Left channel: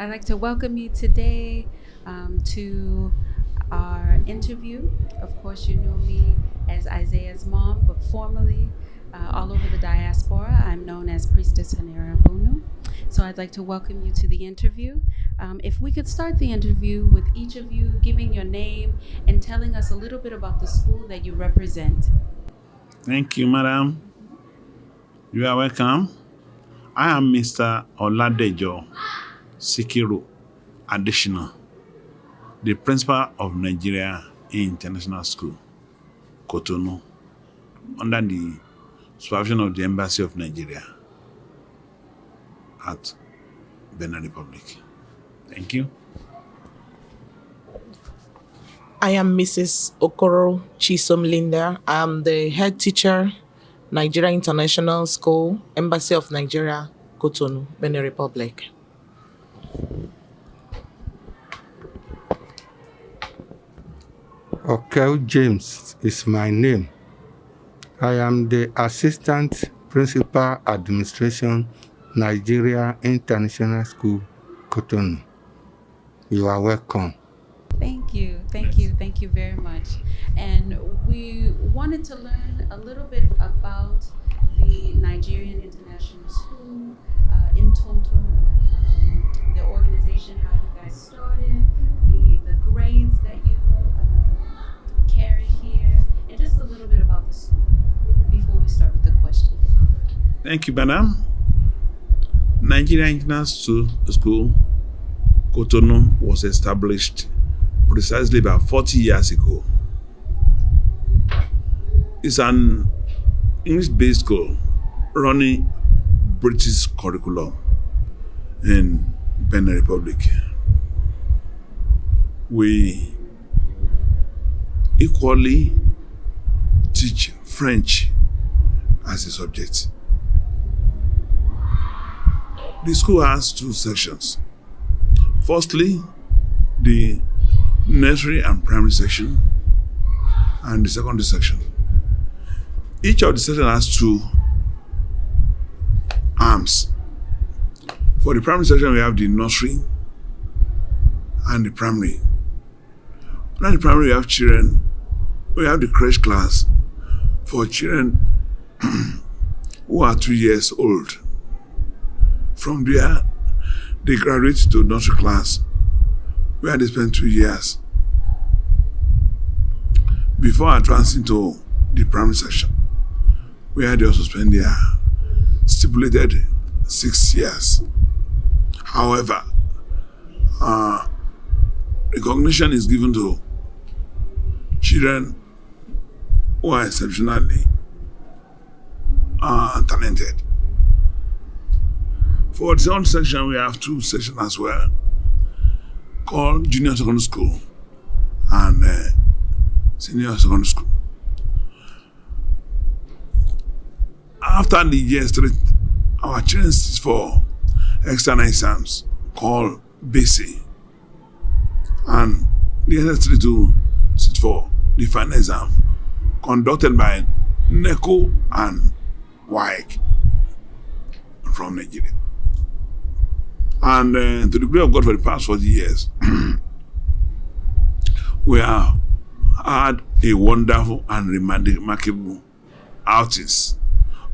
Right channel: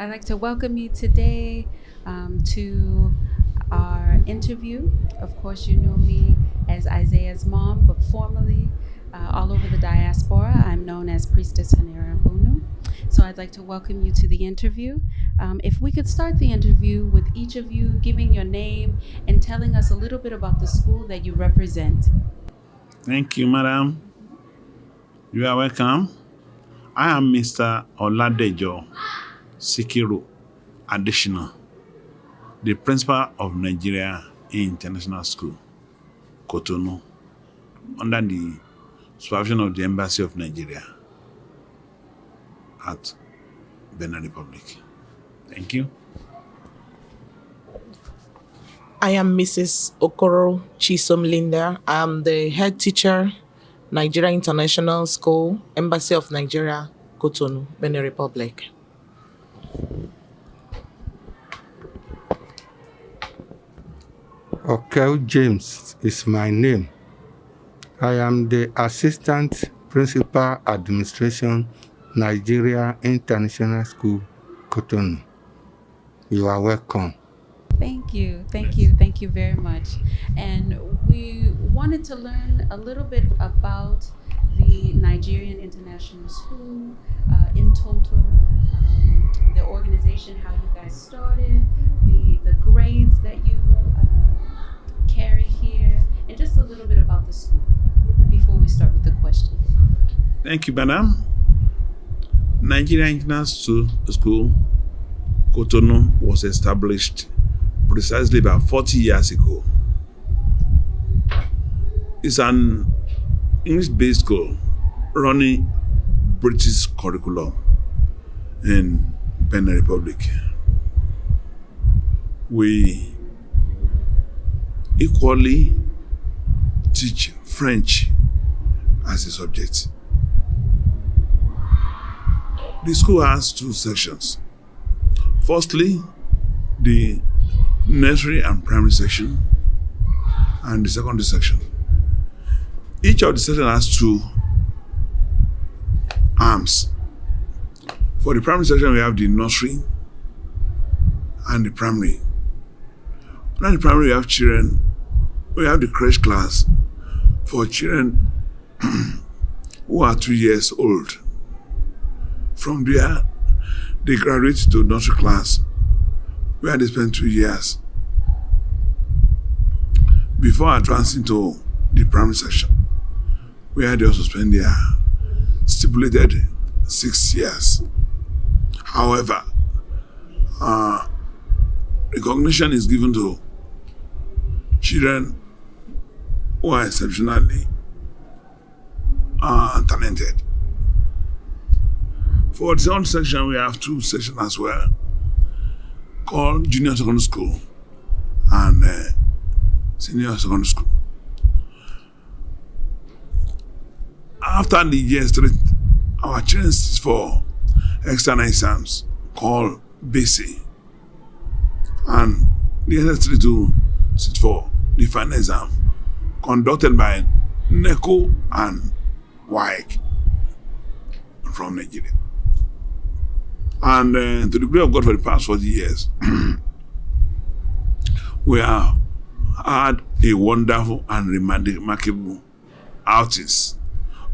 I'd like to welcome you today to our interview. Of course, you know me as Isaiah's mom, but formally, all over the diaspora, I'm known as Priestess Haneera Abounu. So I'd like to welcome you to the interview. If we could start the interview with each of you giving your name and telling us a little bit about the school that you represent. Thank you, madam. You are welcome. I am Mr. Oladejo Sikiru Additional, the principal of Nigeria International School, Cotonou, under the supervision of the Embassy of Nigeria at Benin Republic. Thank you. I am Mrs. Okoro Chisom Linda. I am the head teacher, Nigeria International School, Embassy of Nigeria, Cotonou, Benin Republic. Okel James is my name. I am the Assistant Principal Administration, Nigeria International School, Cotonou. You are welcome. Thank you very much. And we wanted to learn a little bit about the Nigerian International School in total, the organization, how you guys started, the grades that you carry here, and just a little bit about the school before we start with the questions. Thank you, madam. Nigeria International School, Cotonou, was established precisely about 40 years ago. It's an English-based school running British curriculum in Benin Republic. We equally teach French as a subject. The school has two sections. Firstly, the nursery and primary section, and the secondary section. Each of the sections has two arms. For the primary section, we have the nursery and the primary. Under the primary, we have children. We have the crèche class for children who are 2 years old. From there, they graduate to nursery class, where they spend 2 years before advancing to the primary section, where they also spend their stipulated 6 years. However, recognition is given to children who are exceptionally talented. For the second section, we have two sections as well, called Junior Secondary School and Senior Secondary School. After the year 3, our children sit for external exams called BC, and the SS3 to sit for the final exam conducted by NECO and WAEC from Nigeria. And to the glory of God, for the past 40 years, we have had a wonderful and remarkable artists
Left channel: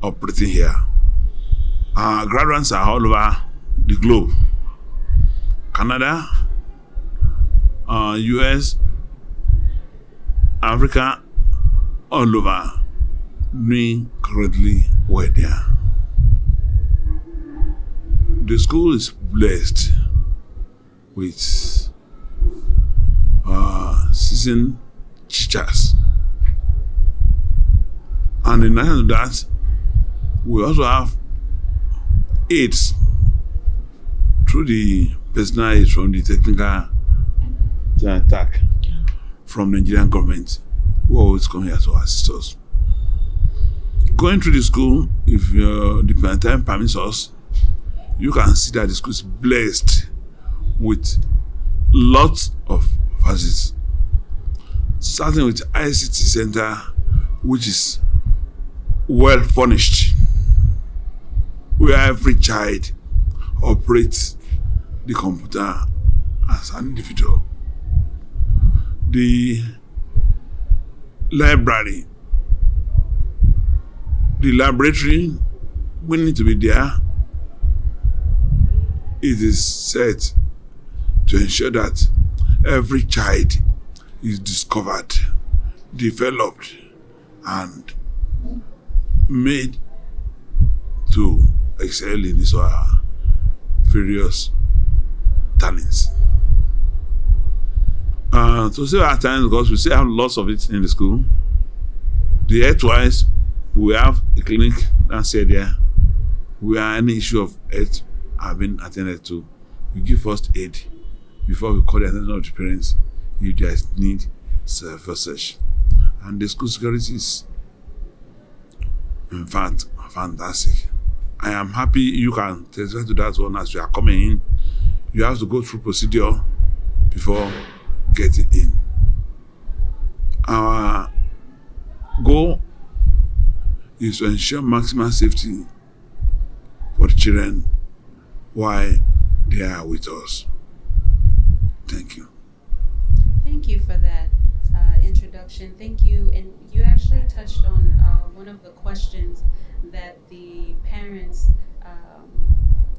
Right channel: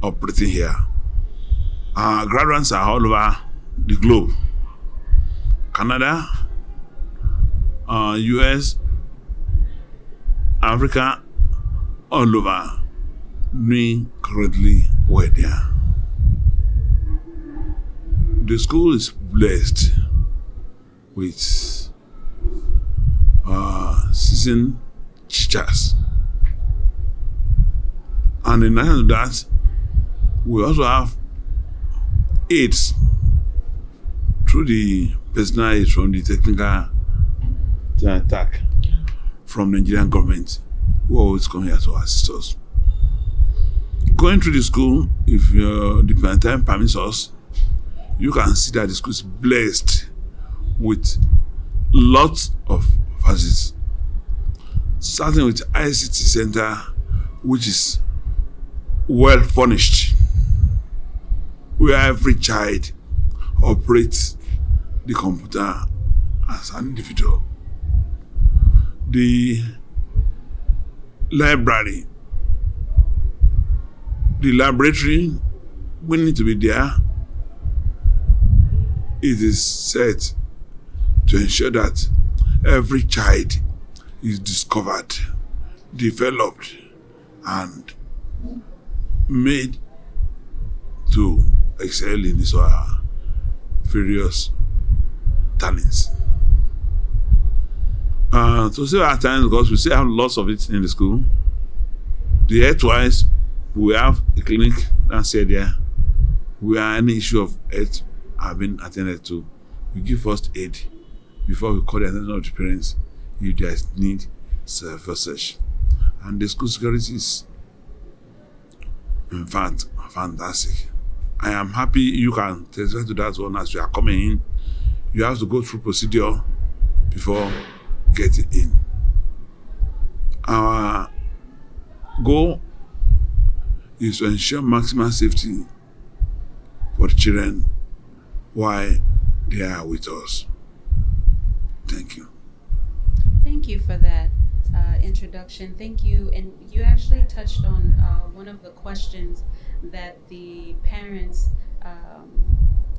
operating here. Our graduates are all over the globe. Canada, US, Africa, all over, doing currently well there. The school is blessed with seasoned teachers. And in addition to that, we also have aids through the personal aid from the technical attack from Nigerian government, who always come here to assist us. Going through the school, if the time permits us, you can see that the school is blessed with lots of facilities. Starting with ICT Center, which is well furnished, where every child operates the computer as an individual. The library, the laboratory, we need to be there. It is set to ensure that every child is discovered, developed, and made to excel in his or her various talents. To save our time, because we still have lots of it in the school, the health-wise, we have a clinic that's here there where any issue of health have been attended to. We give first aid before we call the attention of the parents if there is need for such. And the school security is, in fact, fantastic. I am happy you can testify to that one as we are coming in. You have to go through procedure before getting in. Our goal is to ensure maximum safety for the children while they are with us. Thank you. Thank you for that introduction. Thank you. And you actually touched on one of the questions that the parents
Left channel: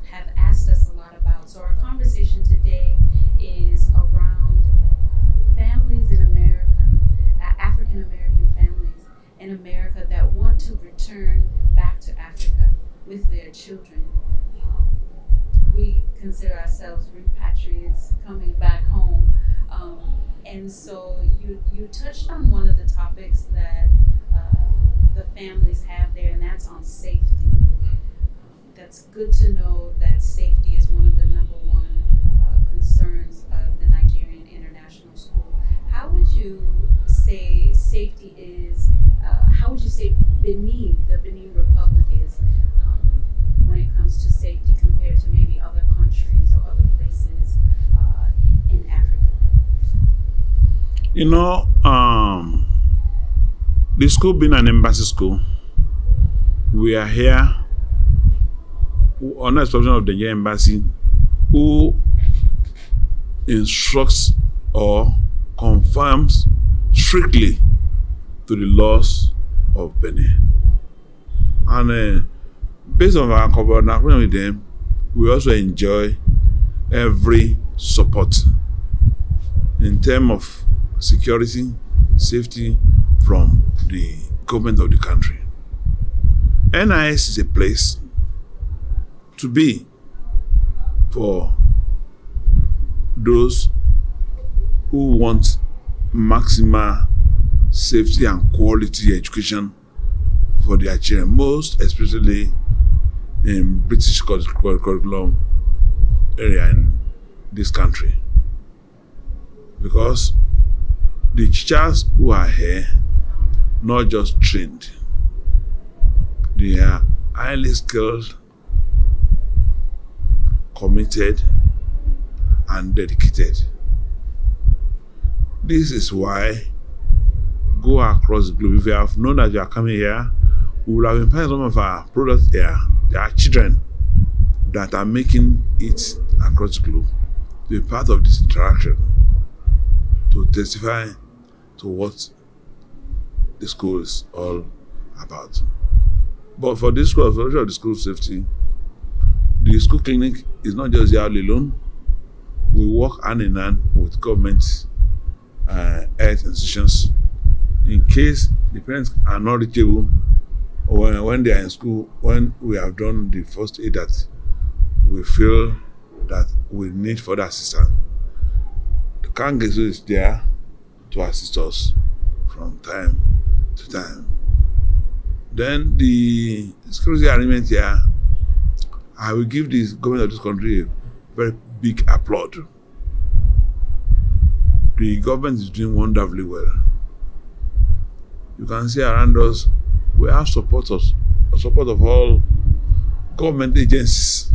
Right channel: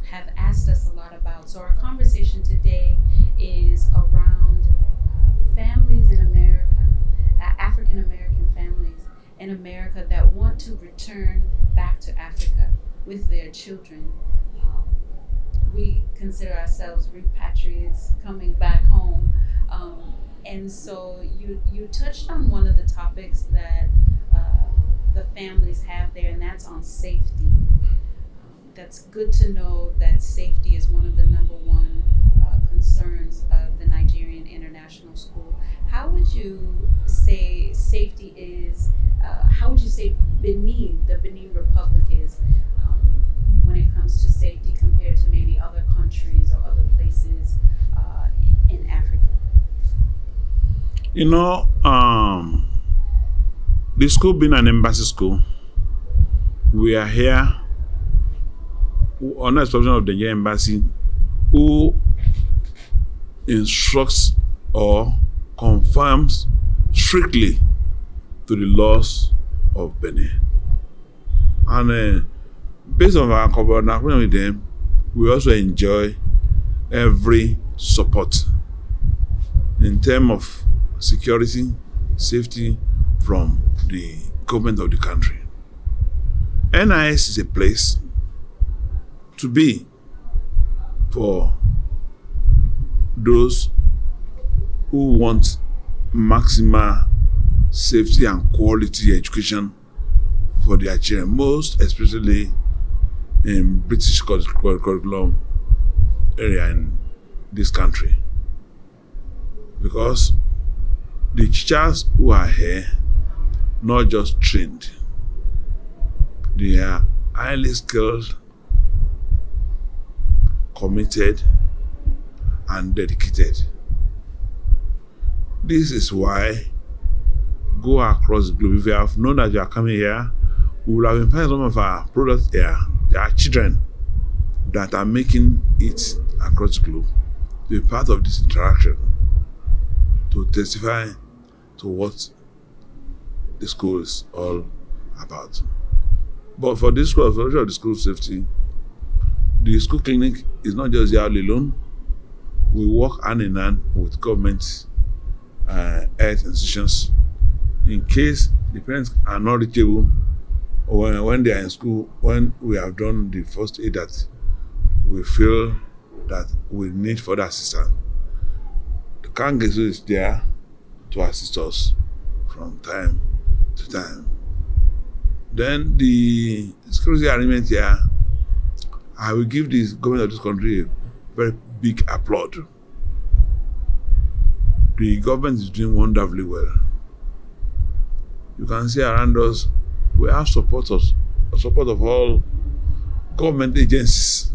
have asked us a lot about. So our conversation today is around families in America, African American families in America that want to return back to Africa with their children. We consider ourselves repatriates coming back home. And so you touched on one of the topics that the families have there, and that's on safety. That's good to know that safety is one of the number one concerns of the Nigerian International School. How would you say safety is, how would you say the Benin Republic is when it comes to safety compared to maybe other countries or other places in Africa? You know, the school being an embassy school, we are here on the exception of the Nigerian embassy, who instructs or confirms strictly to the laws of Benin. And based on our cooperation with them, we also enjoy every support in terms of security, safety from the government of the country. NIS is a place to be for those who want maximal safety and quality education for their children, most especially in British curriculum area in this country. Because the teachers who are here, not just trained, they are highly skilled, committed, and dedicated. This is why go across the globe. If you have known that you are coming here, we will have invited some of our products here. There are children that are making it across the globe to be part of this interaction, to testify to what the school is all about. But for this school, for the school safety, the school clinic is not just here alone. We work hand in hand with government health institutions in case the parents are not reachable or when they are in school, when we have done the first aid that we feel that we need further assistance. The Kangesu is there to assist us from time to time. Then the security arrangement here, I will give the government of this country a very big applaud. The government is doing wonderfully well. You can see around us, we have support of all government agencies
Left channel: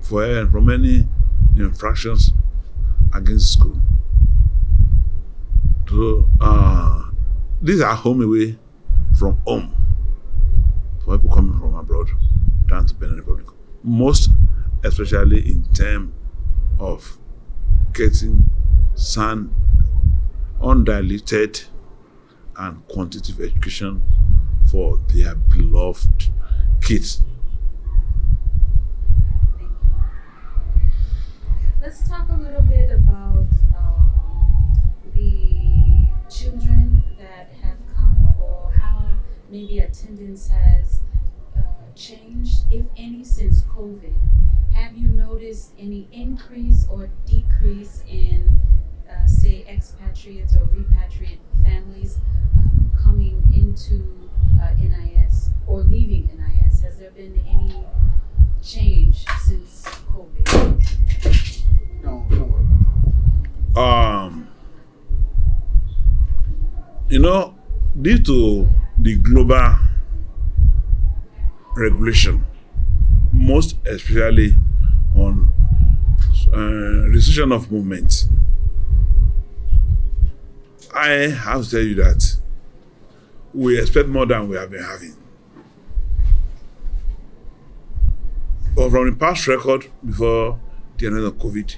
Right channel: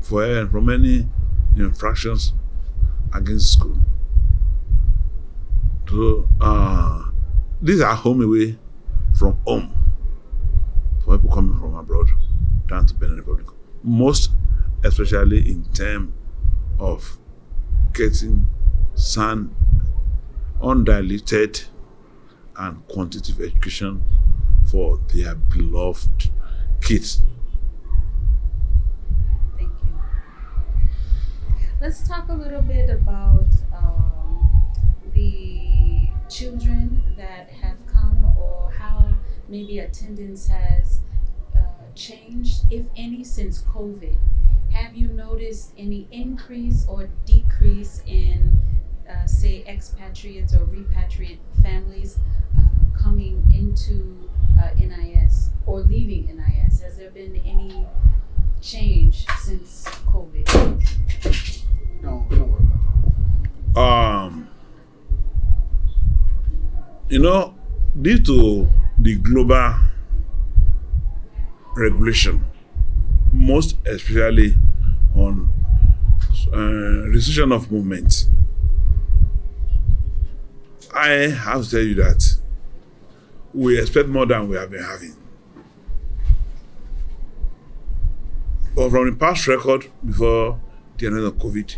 from any infractions against school. So these are home away from home for people coming from abroad down to Benin Republic. Most especially in terms of getting sound, undiluted, and quantitative education for their beloved kids. Thank you. Let's talk a little bit about the children that have come, or how maybe attendance has changed, if any, since COVID. Have you noticed any increase or decrease in, say, expatriates or repatriate families coming into NIS or leaving NIS? Has there been any change since COVID? Don't worry about You know, due to the global regulation, most especially on restriction of movement, I have to tell you that we expect more than we have been having. But from the past record before the end of COVID,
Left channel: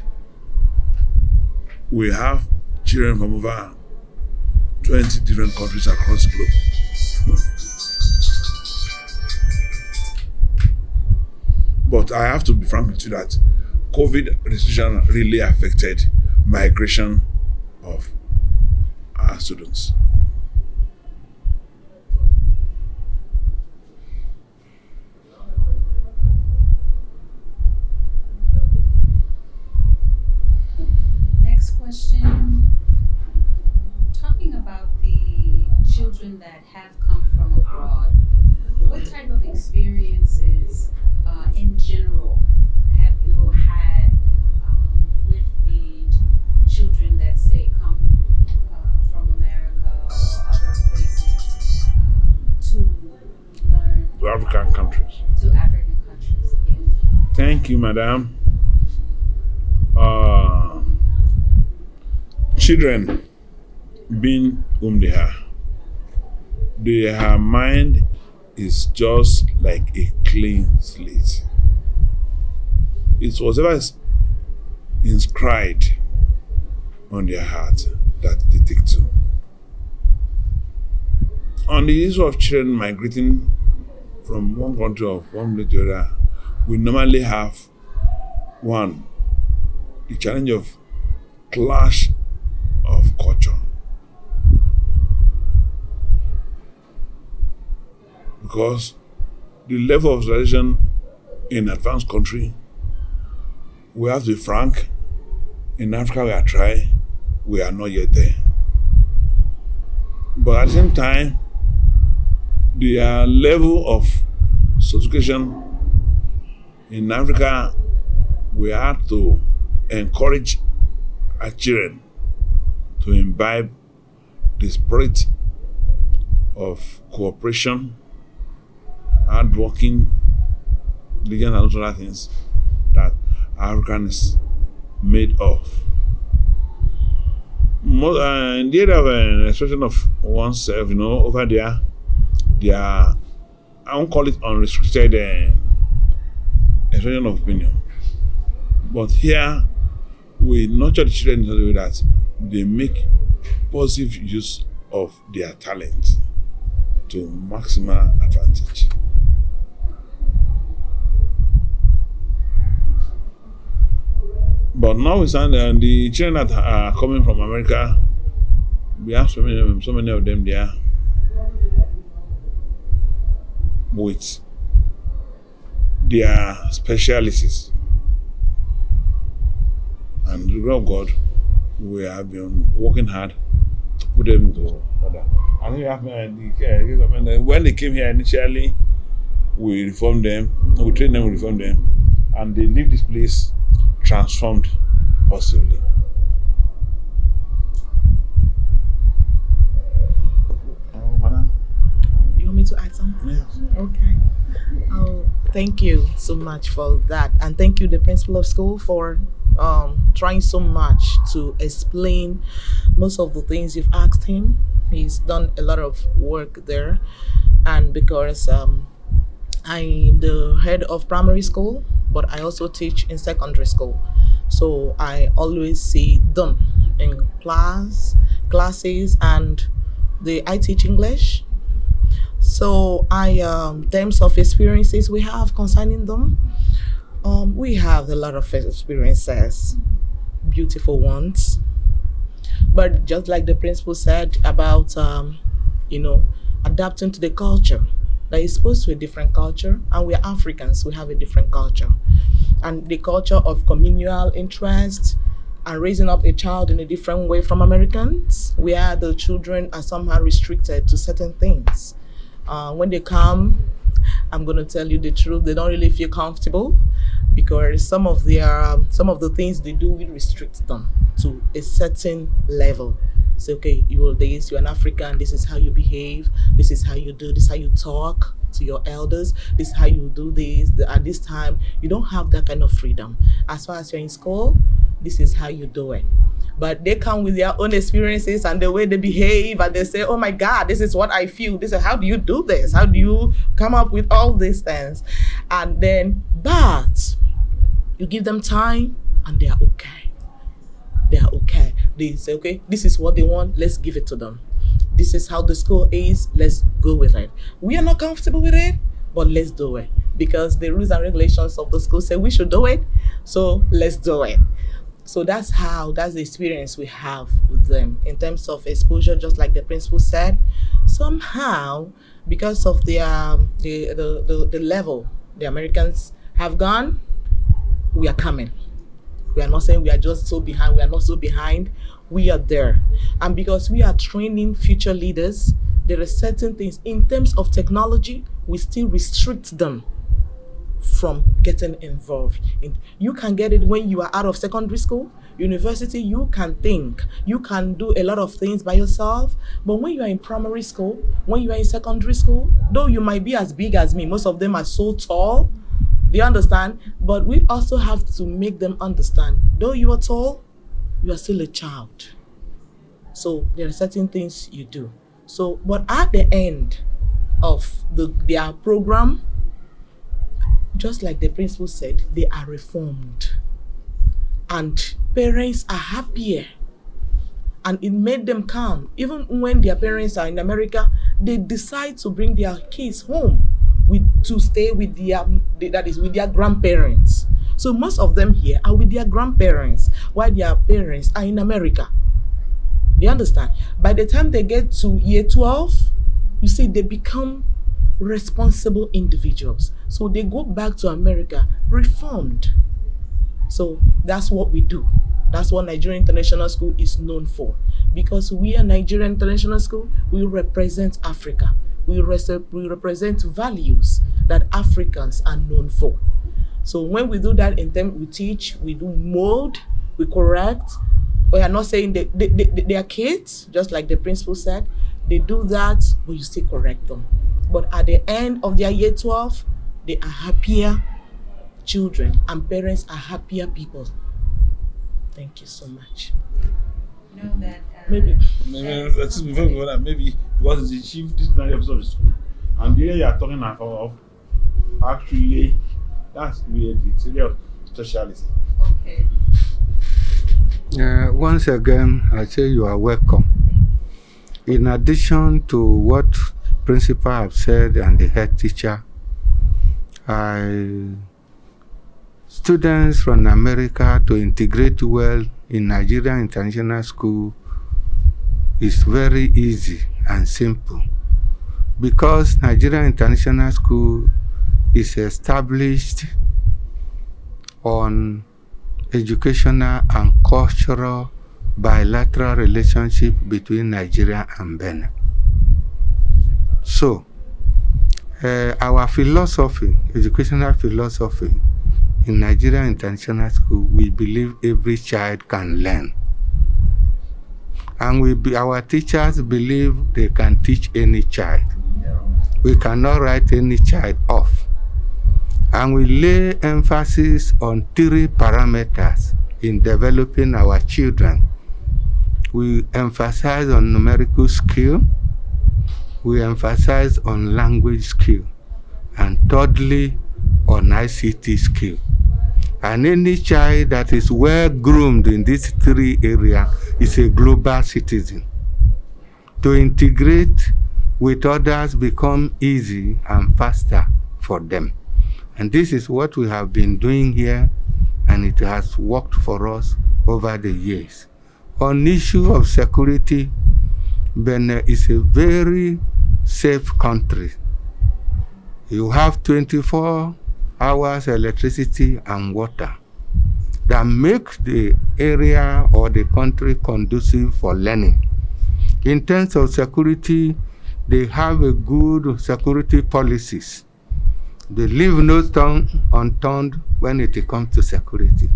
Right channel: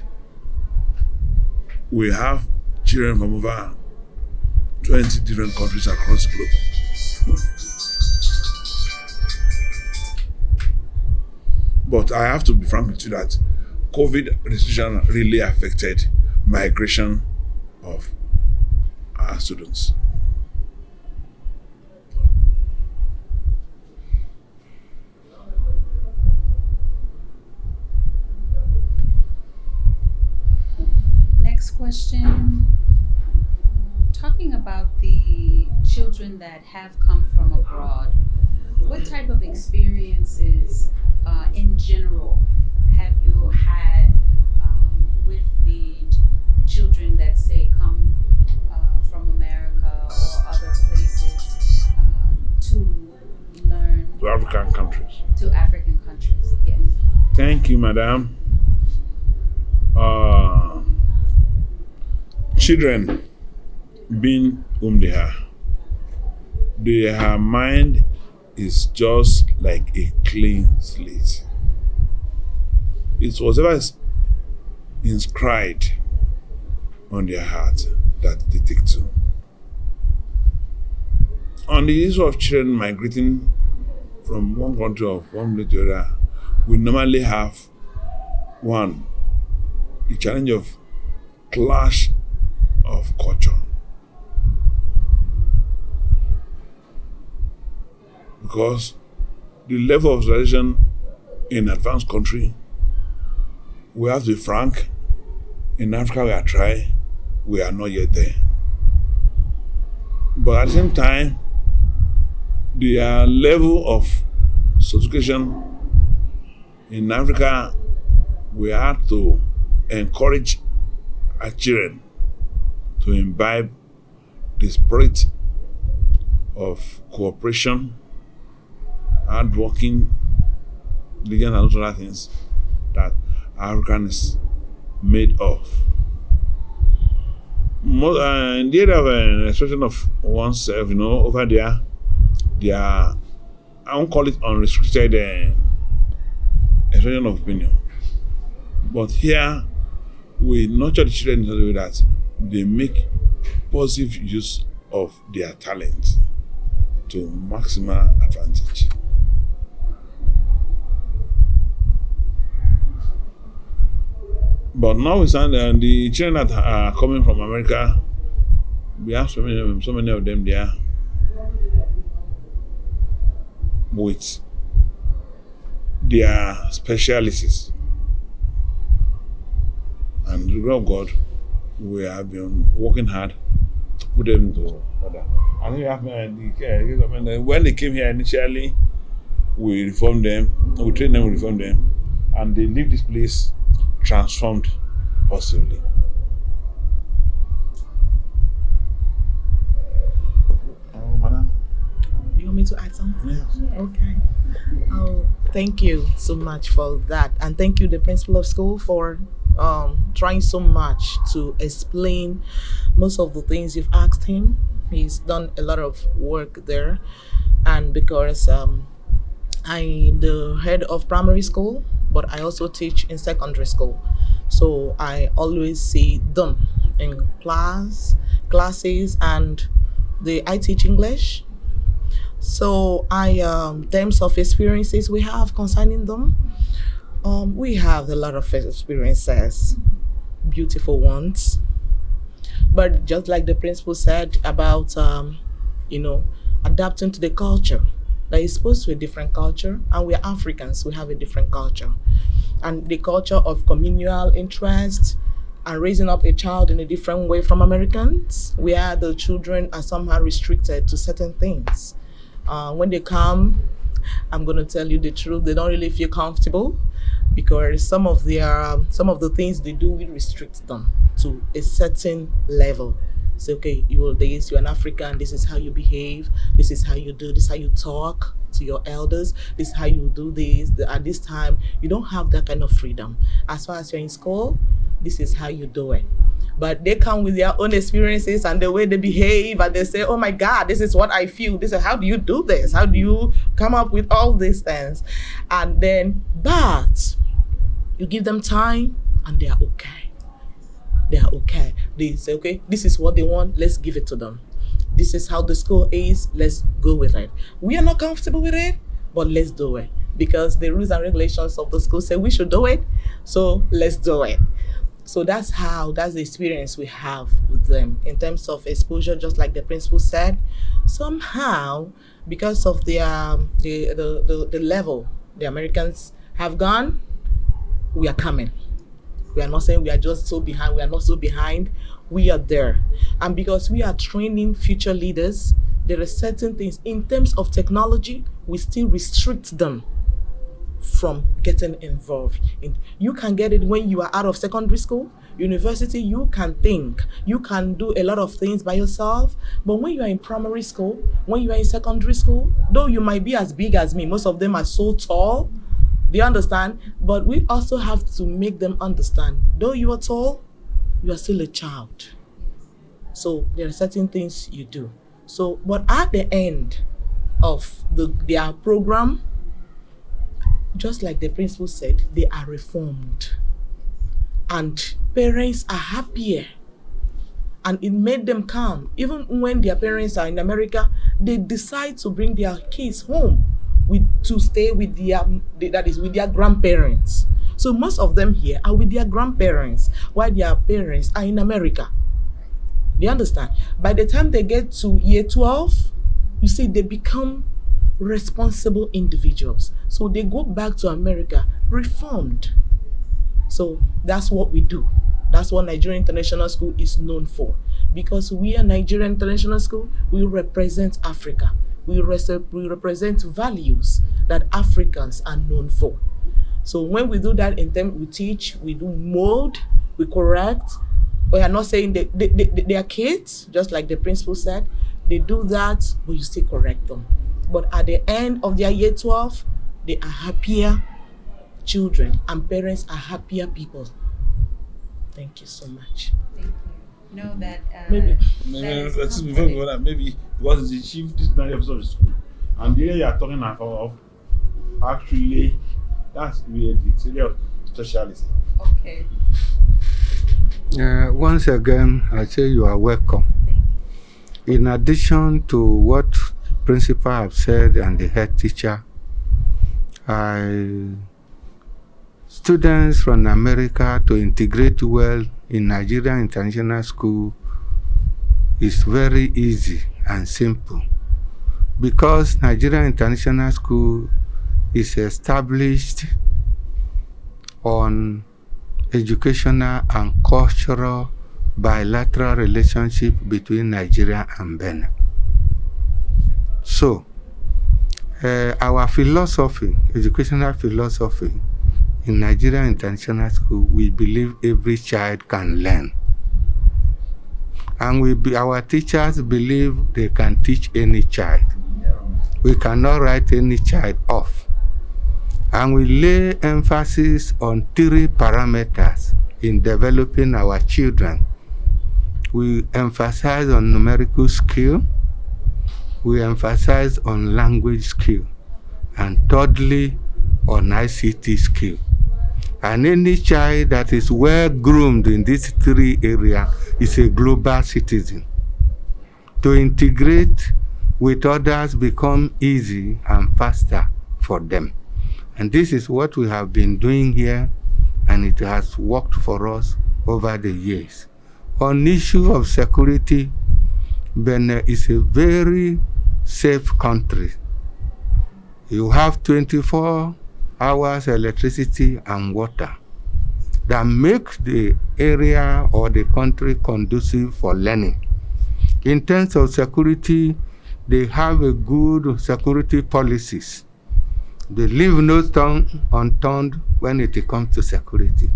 we have children from over 20 different countries across the globe. But I have to be frank with you that COVID restriction really affected migration of our students. Next question. Talking about the children that have come from abroad, what type of experiences in general have you had with the children that, say, come from America or other places to learn? To African countries. To African countries, yes. Thank you, madam. Children, being whom they are, their mind is just like a clean slate. It's whatever is inscribed on their heart that they take to. On the issue of children migrating from one country or one place to the other, we normally have one, the challenge of clash of culture. Because the level of civilization in advanced country, we have to be frank, in Africa we are trying, we are not yet there. But at the same time, the level of sophistication in Africa, we have to encourage our children to imbibe the spirit of cooperation, hard working, diligence, and those other things that African is made of. In the area of an expression of oneself, over there, they are, I won't call it unrestricted expression of opinion. But here, we nurture the children in such a way that they make positive use of their talent to maximal advantage. But notwithstanding, the children that are coming from America, we have so many of them there with their specialties. And the grace of God, we have been working hard to put them into order. I think we have when they came here initially, we reformed them, we trained them, we reformed them, and they leave this place transformed positively. Madam? You want me to add something? Yes. Okay. Oh, thank you so much for that. And thank you, the principal of school, for trying so much to explain most of the things you've asked him. He's done a lot of work there. And because I'm the head of primary school but I also teach in secondary school. So I always see them in classes, and I teach English. So terms of experiences we have concerning them, we have a lot of experiences, beautiful ones. But just like the principal said about, adapting to the culture, that is supposed to be a different culture, and we're Africans, we have a different culture. And the culture of communal interest and raising up a child in a different way from Americans, where the children are somehow restricted to certain things. When they come, I'm going to tell you the truth, they don't really feel comfortable, because some of the things they do will restrict them to a certain level. Say, okay, you're an African, this is how you behave, this is how you do, this is how you talk to your elders, this is how you do this. At this time, you don't have that kind of freedom. As far as you're in school, this is how you do it. But they come with their own experiences and the way they behave, and they say, oh my God, this is what I feel. This is how do you do this? How do you come up with all these things? And then, but you give them time and they are okay. They are okay. They say, okay, this is what they want, let's give it to them. This is how the school is, let's go with it. We are not comfortable with it, but let's do it. Because the rules and regulations of the school say we should do it, so let's do it. So that's the experience we have with them in terms of exposure, just like the principal said. Somehow, because of the level the Americans have gone, we are coming. We are not saying we are just so behind, we are not so behind, we are there. And because we are training future leaders, there are certain things in terms of technology, we still restrict them from getting involved. You can get it when you are out of secondary school. University, you can think, you can do a lot of things by yourself. But when you are in primary school, when you are in secondary school, though you might be as big as me, most of them are so tall, do you understand? But we also have to make them understand, though you are tall, you are still a child. So there are certain things you do. So, but at the end of their program, just like the principal said, they are reformed. And parents are happier. And it made them calm. Even when their parents are in America, they decide to bring their kids home to stay with their grandparents. So most of them here are with their grandparents, while their parents are in America. Do you understand? By the time they get to year 12, you see, they become responsible individuals. So they go back to America reformed. So that's what we do. That's what Nigerian International School is known for. Because we are Nigerian International School, we represent Africa. We represent values that Africans are known for. So when we do that, we teach, we do mold, we correct. We are not saying they are kids, just like the principal said. They do that, but you still correct them. But at the end of their year 12, they are happier children, and parents are happier people. Thank you so much. Know that maybe because the chief disciplinary officer of the school, and the area you are talking of, actually, that's really the area of specialist. Okay. Once again, I say you are welcome. In addition to what the principal have said and the head teacher, students from America to integrate well in Nigerian International School is very easy and simple, because Nigerian International School is established on educational and cultural bilateral relationship between Nigeria and Benin. So, our philosophy, educational philosophy in Nigerian International School, we believe every child can learn. And our teachers believe they can teach any child. We cannot write any child off. And we lay emphasis on 3 parameters in developing our children. We emphasize on numerical skill, we emphasize on language skill, and thirdly, on ICT skill. And any child that is well groomed in these three areas is a global citizen. To integrate with others become easy and faster for them. And this is what we have been doing here, and it has worked for us over the years. On issue of security, Benin is a very safe country. You have 24 hours electricity and water that makes the area or the country conducive for learning. In terms of security, they have a good security policies. They leave no stone unturned when it comes to security.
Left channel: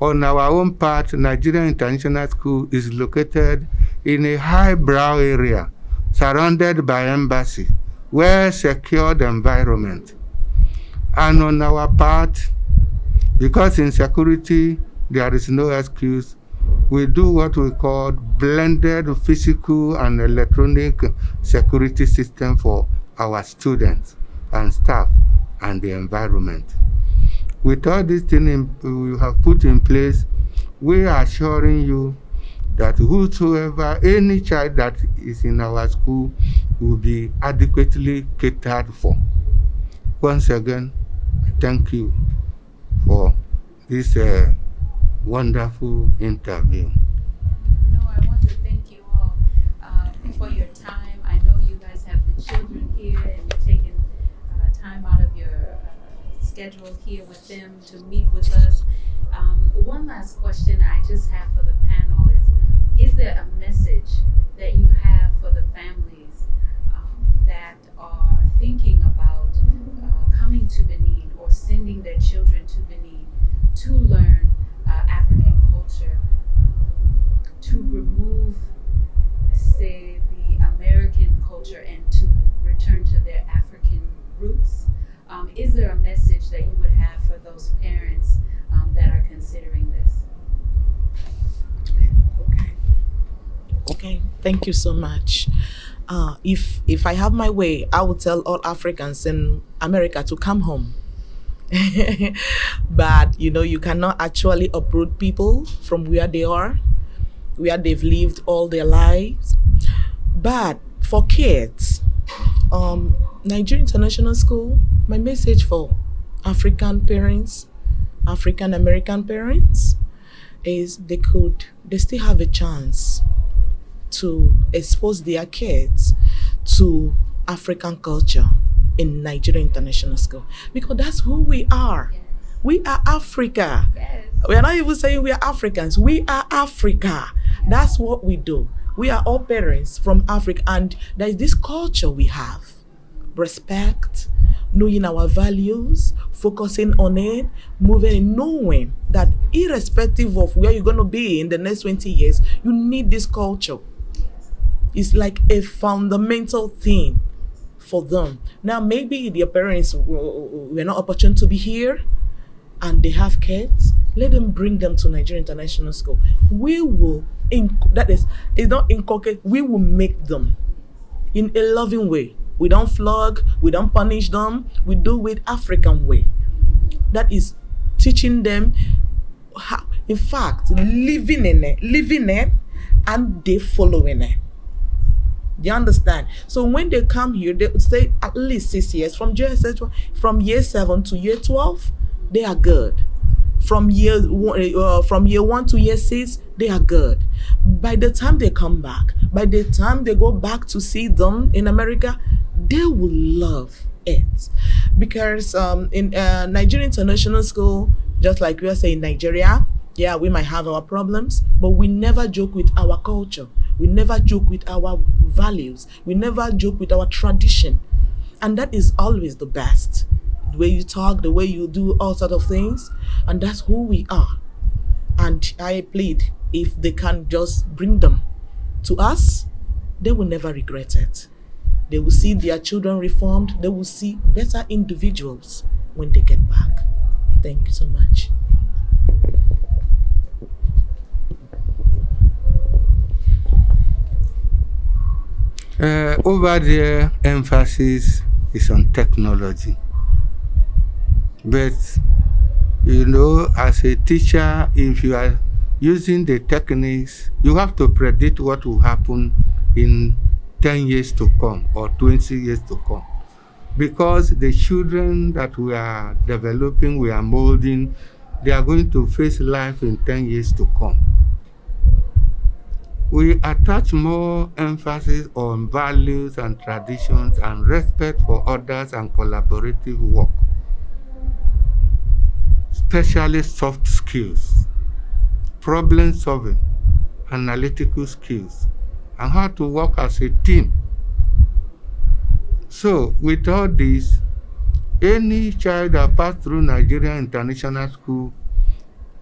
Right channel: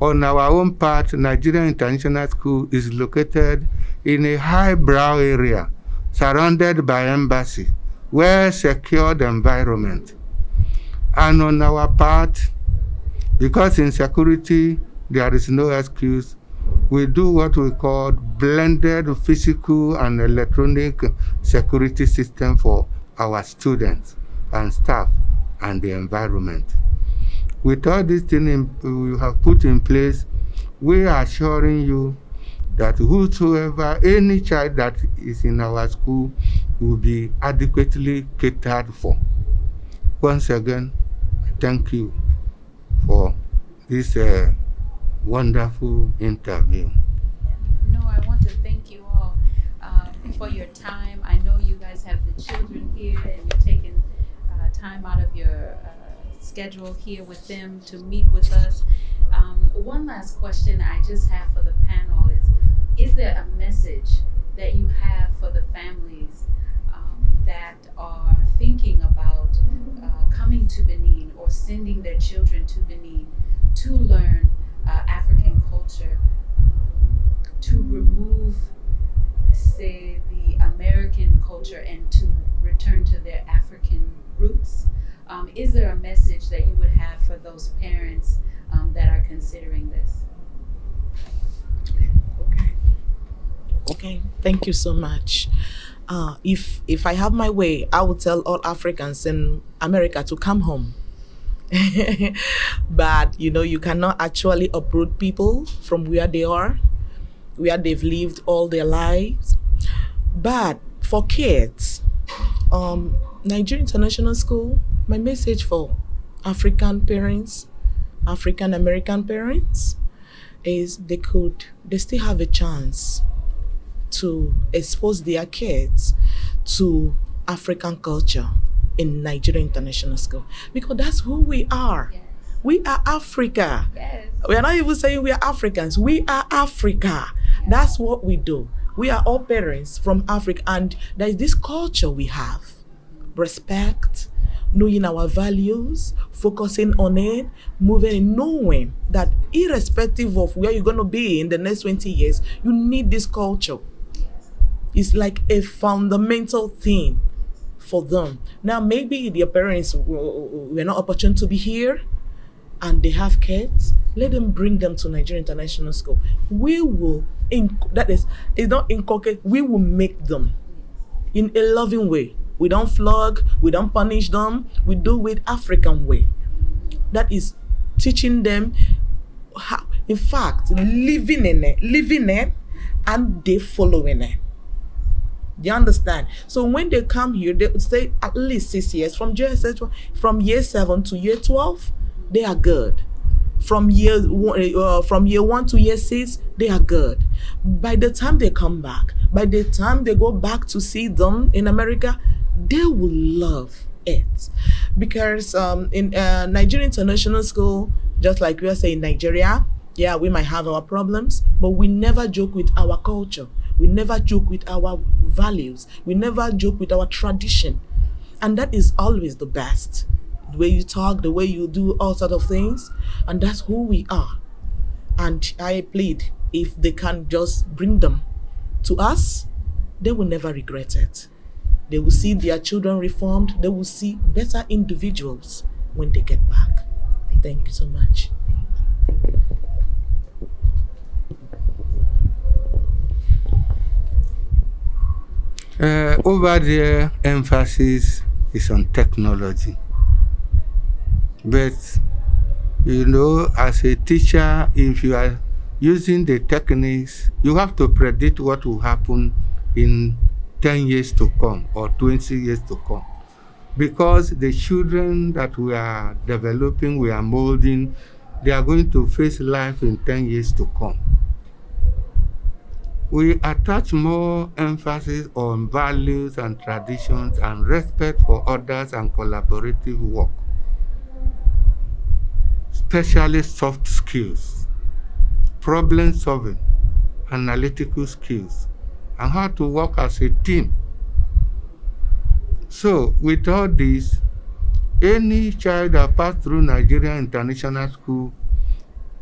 On our own part, Nigerian International School is located in a highbrow area surrounded by embassy, well-secured environment. And on our part, because in security there is no excuse, we do what we call blended physical and electronic security system for our students and staff and the environment. With all these things we have put in place, we are assuring you that whosoever, any child that is in our school will be adequately catered for. Once again, thank you for this wonderful interview. No, I want to thank you all for your time. I know you guys have the children here and you're taking time out of your schedule here with them to meet with us. One last question I just have for the panel is there a message that you have for the families that are thinking about coming to Benin or sending their children to Benin to learn African culture, to remove, say, the American culture and to return to their African roots? Is there a message that you would have for those parents that are considering this? Okay, thank you so much. If I have my way, I would tell all Africans in America to come home. But you cannot actually uproot people from where they are, where they've lived all their lives. But for kids, Nigerian International School, my message for African parents, African American parents, is they still have a chance to expose their kids to African culture in Nigerian International School, because that's who we are. Yes. We are Africa. Yes. We are not even saying we are Africans. We are Africa. Yes. That's what we do. We are all parents from Africa, and there is this culture we have. Respect, knowing our values, focusing on it, moving and knowing that irrespective of where you're going to be in the next 20 years, you need this culture. It's like a fundamental thing for them. Now, maybe their parents were not opportune to be here and they have kids. Let them bring them to Nigerian International School. We will, it's not inculcate, we will make them in a loving way. We don't flog, we don't punish them, we do it African way. That is teaching them how, in fact, living in it, and they following it. You understand? So when they come here, they would stay at least 6 years. From year 7 to year 12, they are good. From year 1 to year 6, they are good. By the time they come back, by the time they go back to see them in America, they will love it. Because in Nigerian International School, just like we are saying Nigeria, yeah, we might have our problems, but we never joke with our culture. We never joke with our values. We never joke with our tradition. And that is always the best. The way you talk, the way you do all sorts of things. And that's who we are. And I plead, if they can just bring them to us, they will never regret it. They will see their children reformed. They will see better individuals when they get back. Thank you so much. Over there, emphasis is on technology. But You know, as a teacher, if you are using the techniques, you have to predict what will happen in 10 years to come or 20 years to come. Because the children that we are developing, we are molding, they are going to face life in 10 years to come. We attach more emphasis on values and traditions and respect for others and collaborative work, especially soft skills, problem solving, analytical skills, and how to work as a team. So, with all this, any child that passed through Nigerian International School,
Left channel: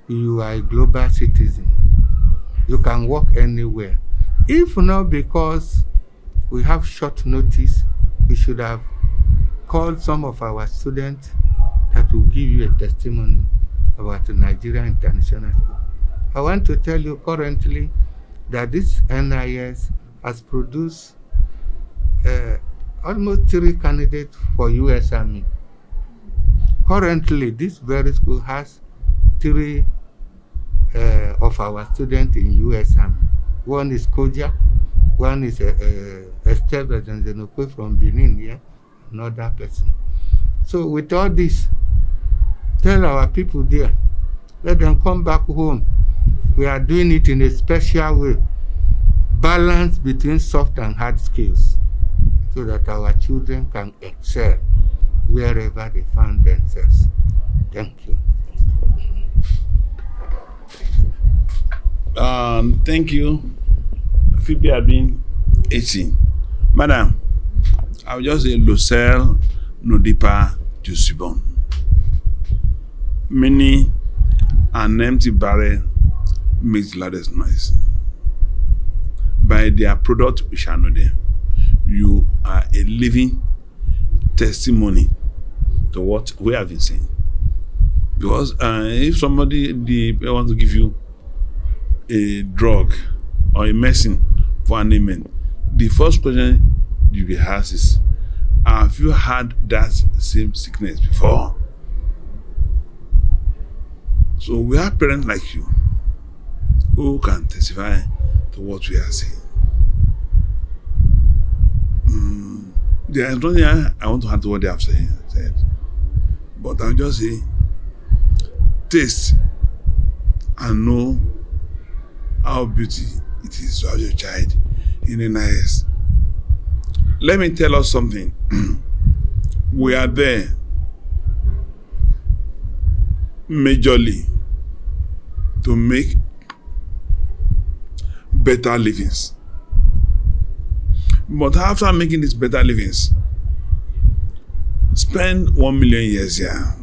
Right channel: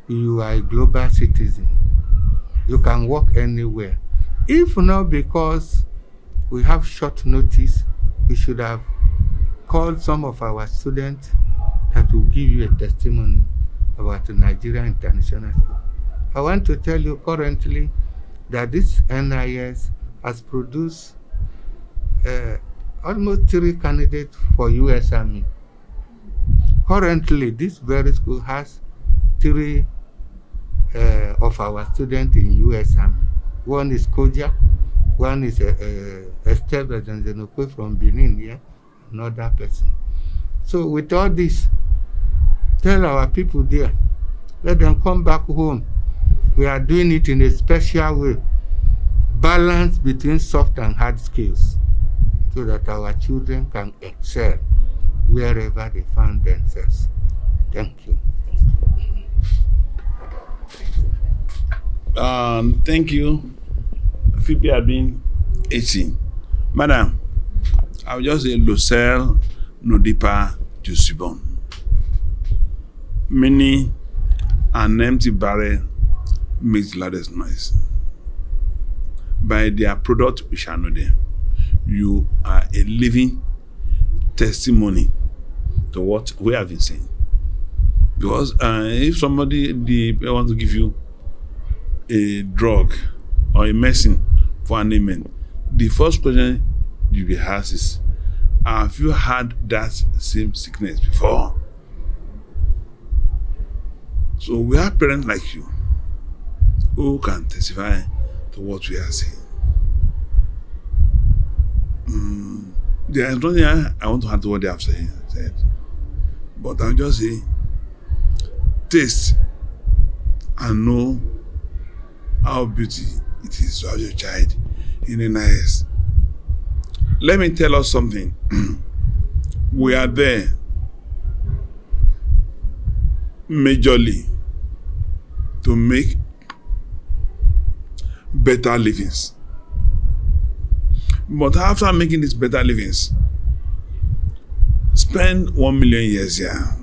you are a global citizen. You can work anywhere. If not because we have short notice, we should have called some of our students that will give you a testimony about the Nigerian International School. I want to tell you currently that this NIS has produced almost 3 candidates for U.S. Army. Currently, this very school has 3 of our students in U.S. Army. One is Koja, one is Esther Zenzenokwe from Benin here, another person. So with all this, tell our people there, let them come back home. We are doing it in a special way, balance between soft and hard skills, so that our children can excel wherever they find themselves. Thank you. Thank you. Phoebe had been 18. Madam, I will just say Lucelle Nodipa Jusibon. Many an empty barrel makes the loudest noise. By their product, we shall know them. You are a living testimony to what we have been saying. Because if somebody wants to give you a drug or a medicine for an ailment, the first question you will ask is, have you had that same sickness before? So we have parents like you who can testify to what we are saying. There is nothing I want to add to what they have said. But I'll just say, taste and know how beauty it is to have your child in a nice. Let me tell us something. We are there majorly to make better livings. But after making these better livings, spend 1 million years here,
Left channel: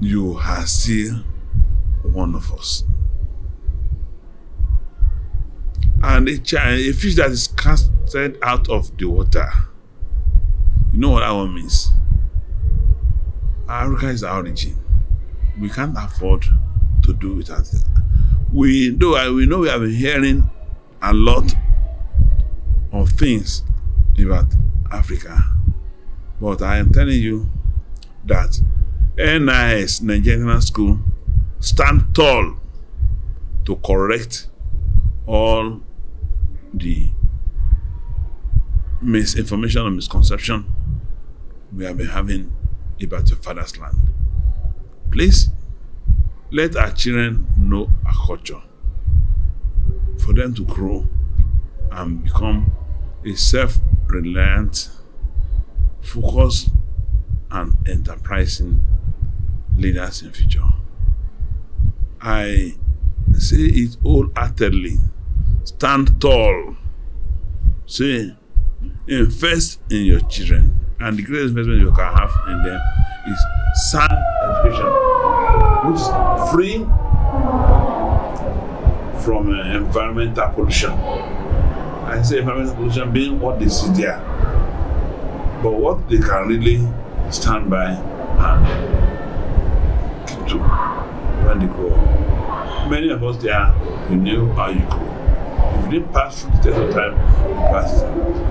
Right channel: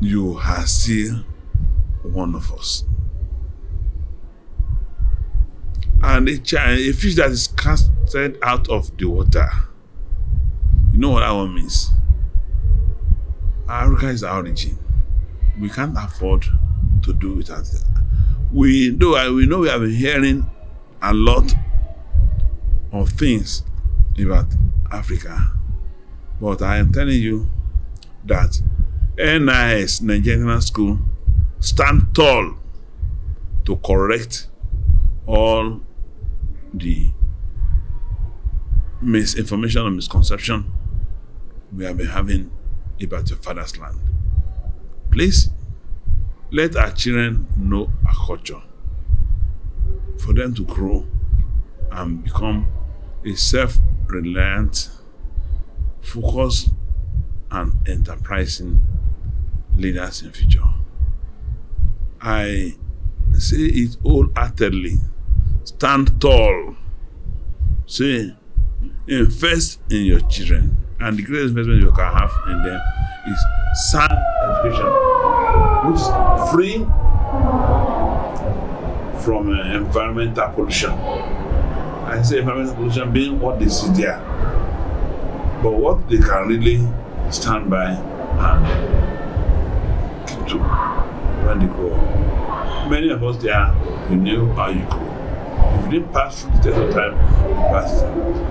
you are still one of us. And a fish that is casted out of the water, you know what that one means? Africa is our origin. We can't afford to do without it. We know we have been hearing a lot of things about Africa, but I am telling you that NIS, Nigerian School, stand tall to correct all the misinformation and misconception we have been having about your father's land. Please, let our children know our culture, for them to grow and become a self-reliant, focused, and enterprising leaders in future. I say it wholeheartedly. Stand tall. Say, invest in your children. And the greatest investment you can have in them is sound education, which is free from environmental pollution. I say environmental pollution being what they see there, but what they can really stand by and keep to when they grow up. Many of us there, we knew how you grow. If you didn't pass through the test of time,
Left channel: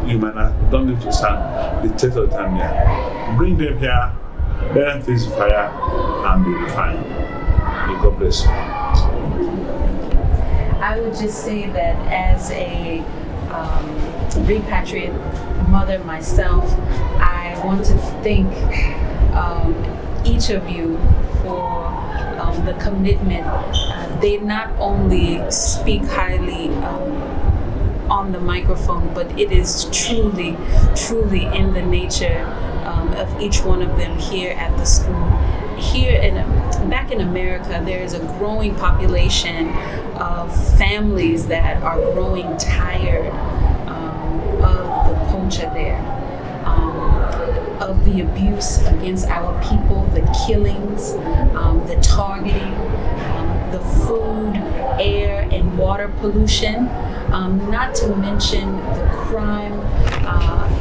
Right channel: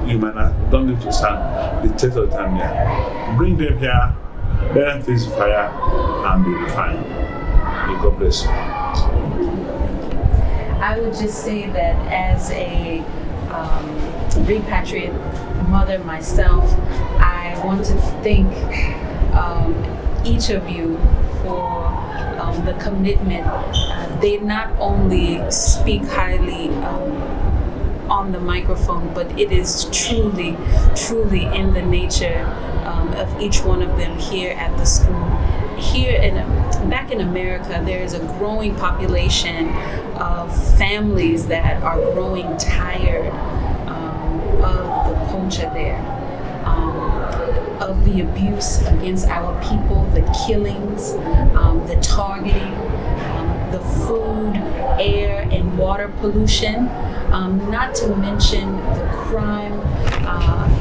you might not don't need to stand the test of time there. Bring them here Let them face fire and be refined. May God bless you. I would just say that as a repatriate mother myself, I want to thank each of you for the commitment. They not only speak highly on the microphone, but it is truly in the nature of each one of them here at the school. Back in America, there is a growing population of families that are growing tired of the culture there, of the abuse against our people, the killings, the targeting, the food, air, and water pollution, not to mention the crime,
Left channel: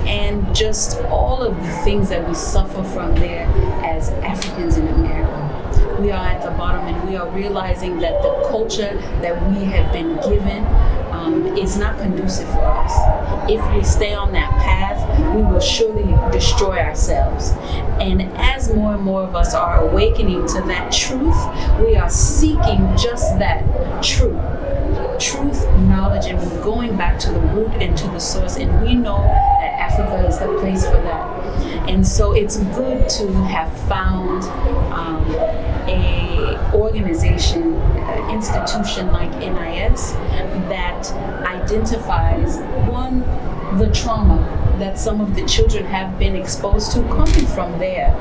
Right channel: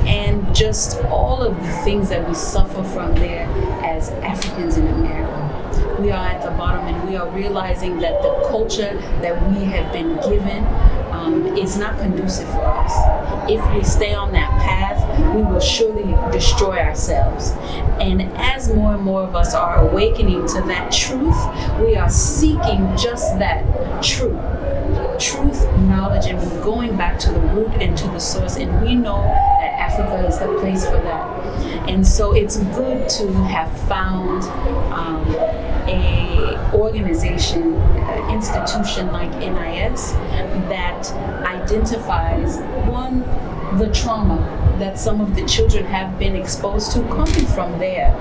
and just all of the things that we suffer from there as Africans in America. We are at the bottom, and we are realizing that the culture that we have been given is not conducive for us. If we stay on that path, we will surely destroy ourselves. And as more and more of us are awakening to that truth, we are seeking just that truth, knowledge, and we're going back to the root and to the source. And we know that Africa is the place for that. And so it's good to have found a organization, institution like NIS that identifies, one, the trauma that some of the children have been exposed to coming from there.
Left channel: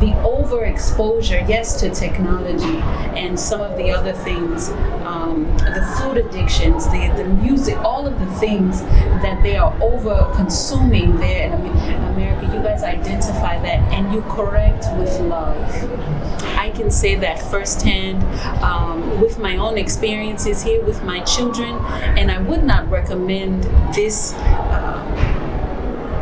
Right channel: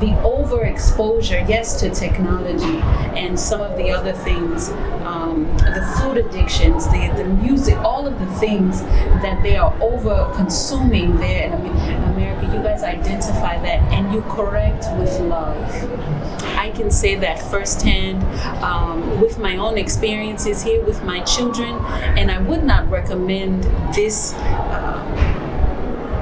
The overexposure, yes, to technology and some of the other things, the food addictions, the music, all of the things that they are over consuming there in America. You guys identify that and you correct with love. I can say that firsthand with my own experiences here with my children, and I would not recommend this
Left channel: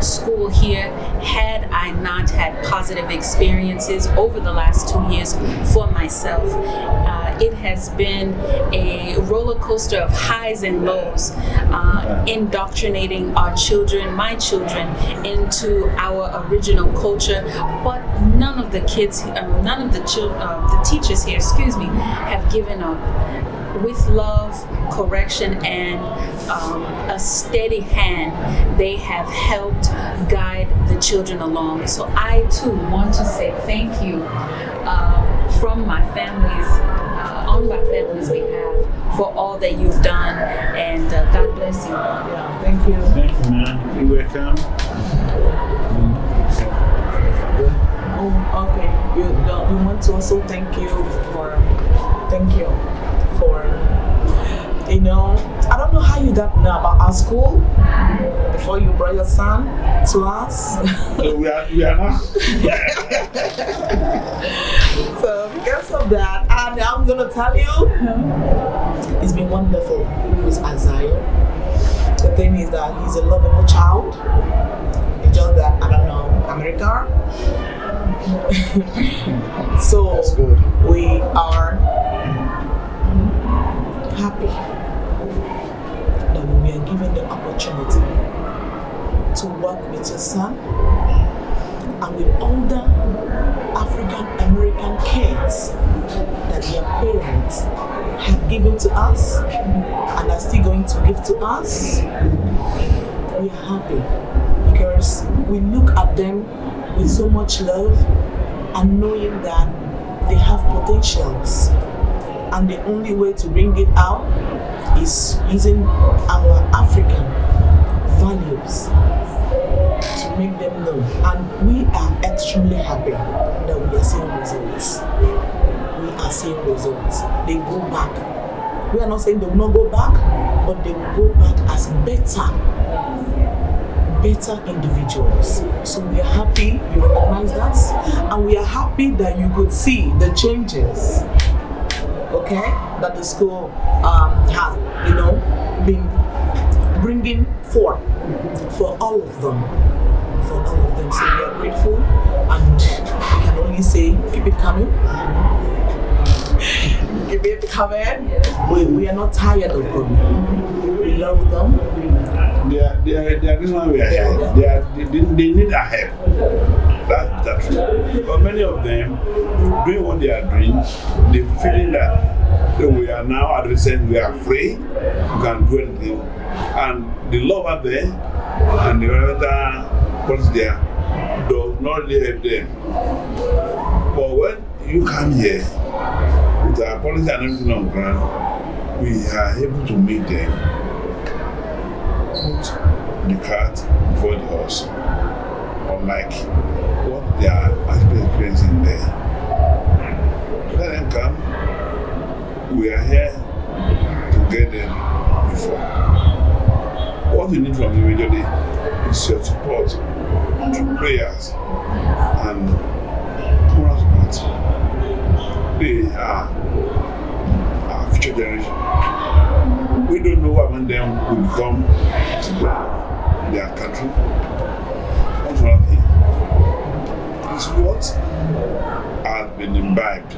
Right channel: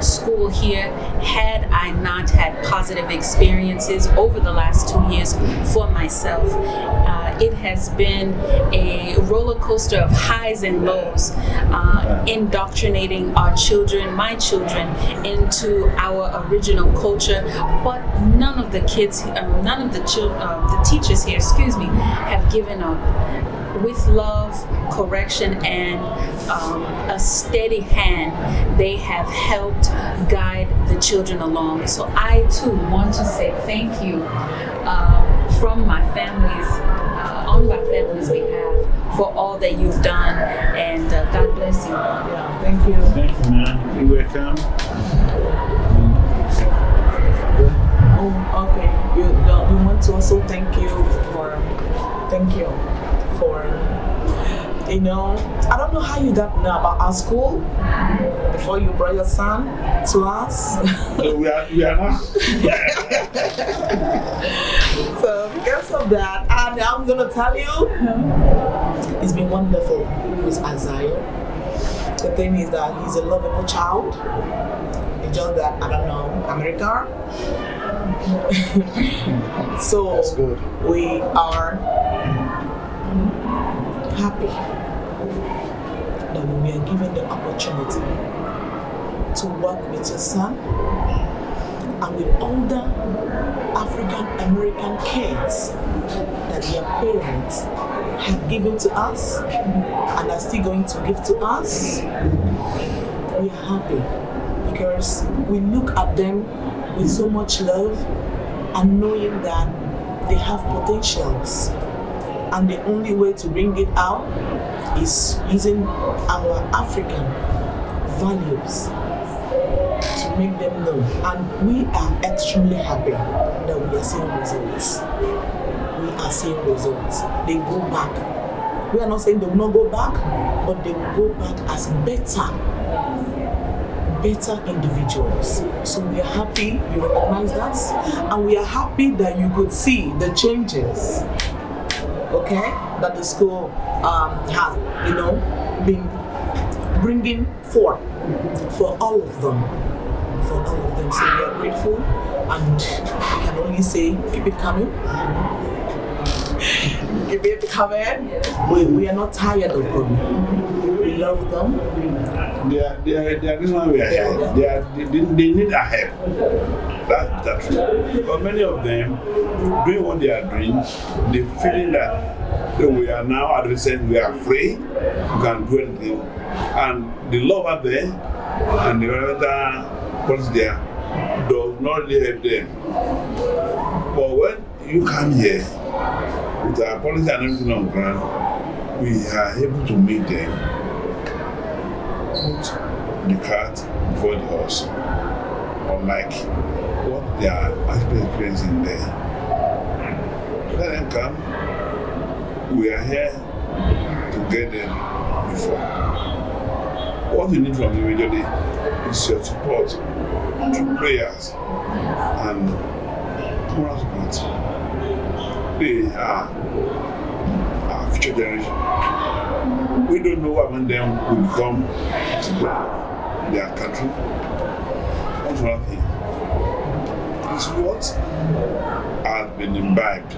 school here had I not had positive experiences over the last 2 years for myself. It has been a roller coaster of highs and lows, indoctrinating our children, my children, into our original culture. But none of the kids, none of the teachers here, have given up. With love, correction, and a steady hand, they have helped guide the children along. So I too want to say thank you from my family's, on my family's behalf, for all that you've done, and God bless you. Yeah, thank you. Thank you, man. You're welcome. Oh, okay. We want to also thank you for, I don't know how you got to know about our school before you brought your son to us. So we are not. So because of that, and I'm going to tell you, it's been wonderful with Isaiah. The thing is that he's a lovable child. It's just that, I don't know, America. So That's good. we are happy that we are given the opportunity to work with your son and with older African American kids that their parents have given to us and are still going to give to us. We are happy because we look at them with so much love and knowing that they have potentials. And the only way to bring it out is using our African values to make them know. And we are extremely happy that we are seeing results. We are seeing results. They go back. We are not saying they will not go back, but they will go back as better individuals. So we are happy you recognize us, and we are happy that you could see the changes, okay, that the school has, been bringing forth for all of them. So we are grateful, and we can only say keep it coming. Keep it coming. We are not tired of them. We love them. They are the reason why we are here. They need our help. that true? Because many of them, doing what they are doing, they feeling that we are now adolescents, we are free, we can do anything. And the law over there and the other policy there does not really help them. But when you come here with our policy and everything on ground, we are able to make them put the cart before the horse, unlike what they are actually experiencing there. Let them come. We are here to get them before. What we need from you immediately is your support through prayers and moral support. They are our future generation. We don't know what when them will become to their country. One more thing is what has been imbibed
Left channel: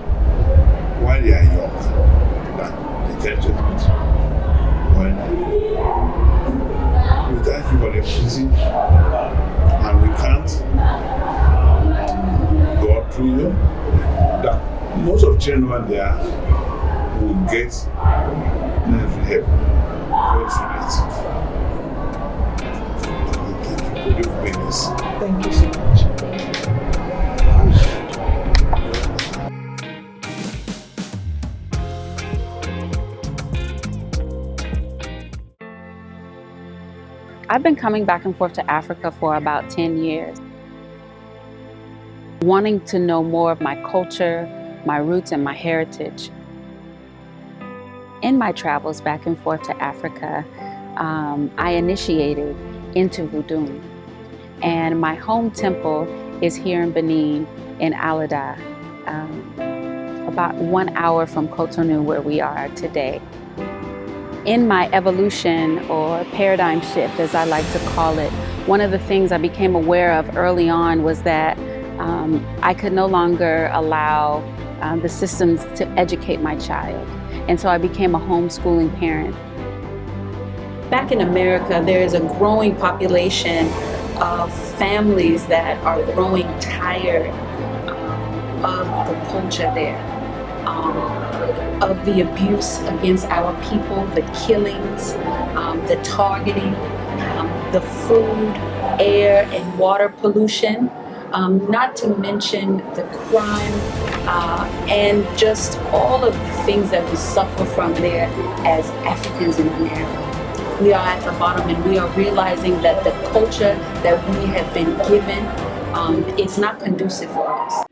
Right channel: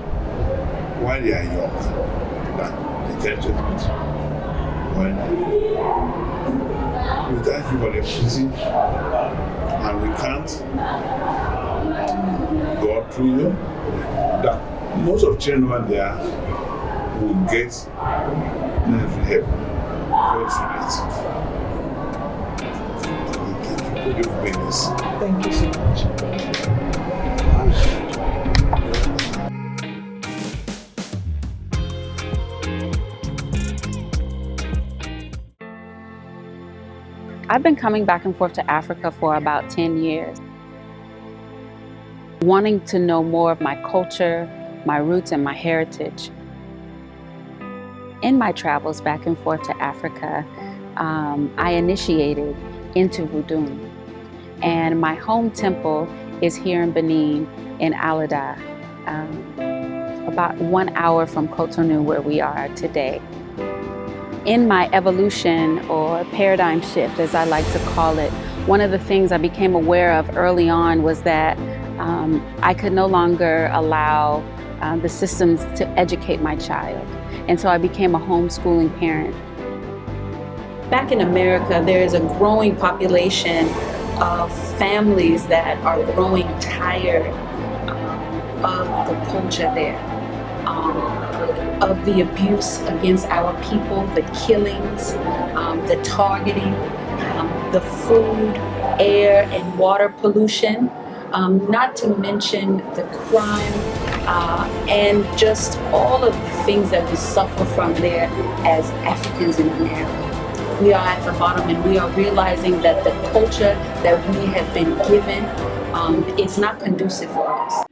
while they are young that they tend to exhibit when we thank you for the opportunity and we can't God through you that most of children over there will get necessary help before it's too late. Thank you for doing this. Thank you so much. I've been coming back and forth to Africa for about 10 years, wanting to know more of my culture, my roots, and my heritage. In my travels back and forth to Africa, I initiated into Voodoo. And my home temple is here in Benin, in Alada, about 1 hour from Cotonou, where we are today. In my evolution or paradigm shift, as I like to call it, one of the things I became aware of early on was that I could no longer allow the systems to educate my child. And so I became a homeschooling parent. Back in America, there is a growing population of families that are growing tired of the culture there. Of the abuse against our people, the killings, the targeting, the food, air, and water pollution, not to mention the crime, and just all of the things that we suffer from there as Africans in America. We are at the bottom and we are realizing that the culture that we have been given is not conducive for us.